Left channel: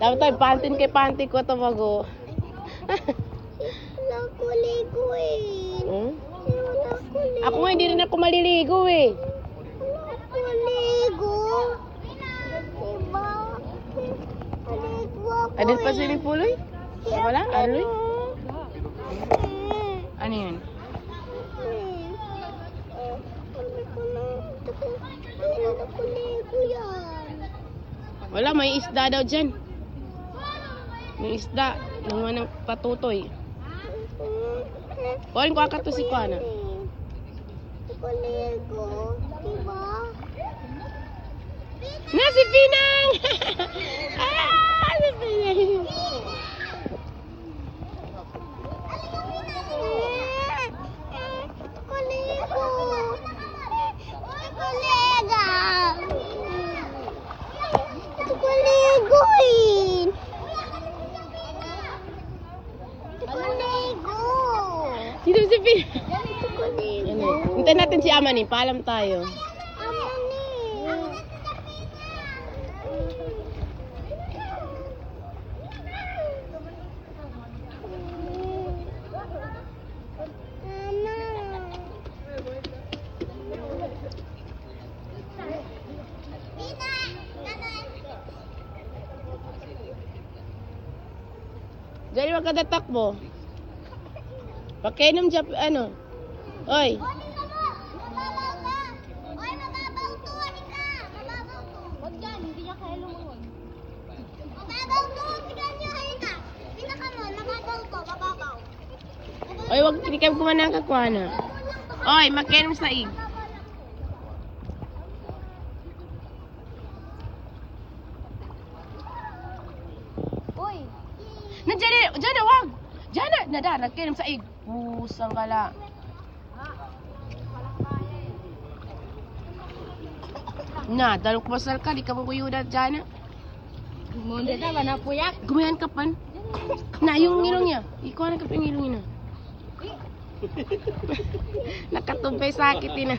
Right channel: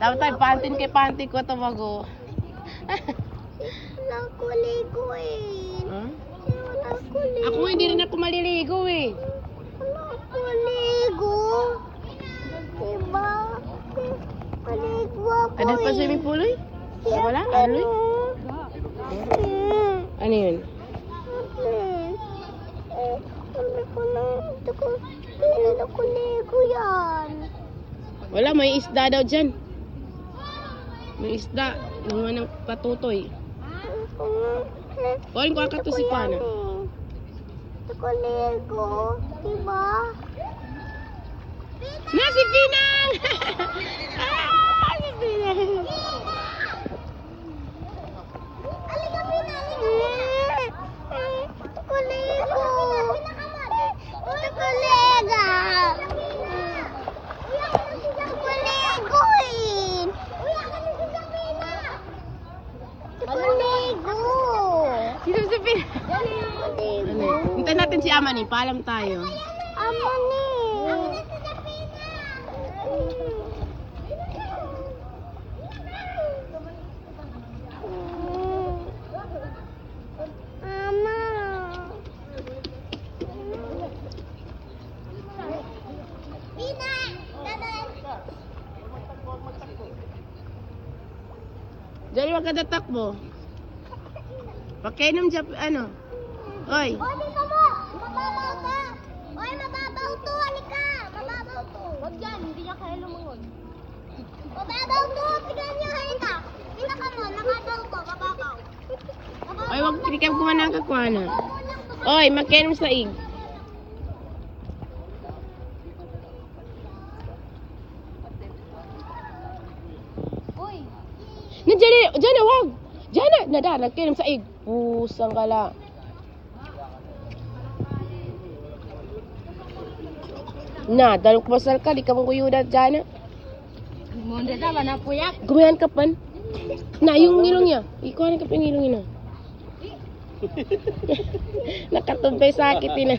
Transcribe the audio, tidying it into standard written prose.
Tapos tayo, pantin kay panty ko ito bago. Wala ko ligo eh. Hmm? Wala ko ligo. Ako nga, hindi rin ako maliligo eh. Wala ko ligo. Diba? Maligo ako Adit pa swimming pool eh? Wala? Aroy? Ano yun? Wala ko ligo yan. Wala, may isda daw dyan. May isda. Naman ng patutoy. O, yung kakato si Pana. Ako ligo. Diba? Na, si Pinang! Ah, si Pinang! Ako ligo. Ako ligo. Ako ligo eh. Ako ligo. Sino si Pinang? Ako ligo. Ano? Hintayin natin si Ama ni. Paalam tayo. Ama ni. Dali, wag ka tatakbo. Pakainom dyan, ano? Oy. Oy, mababaw to. Halika. Mababaw to. Huwag yan. Hindi niya kaya lumungon. Mababaw to. Tignan niyo. Halika. Halika mo. Mababaw to. Mababaw. Oy, wag pikam ko man ang kakwana. Oy, makainom sa ig. Uy. Nandiyan, dyan na, wag. Dyan na, nada, nagkainom sa ig. Pusang kala. Na, dalok masal ka, di ka mong kuyudan dyan na. Monde sama na puyak. Gumayan ka pan. Na, yung ngilong niya. Ikuha na ka pa yung ngilong niya. Nakatumbay sakit yun na.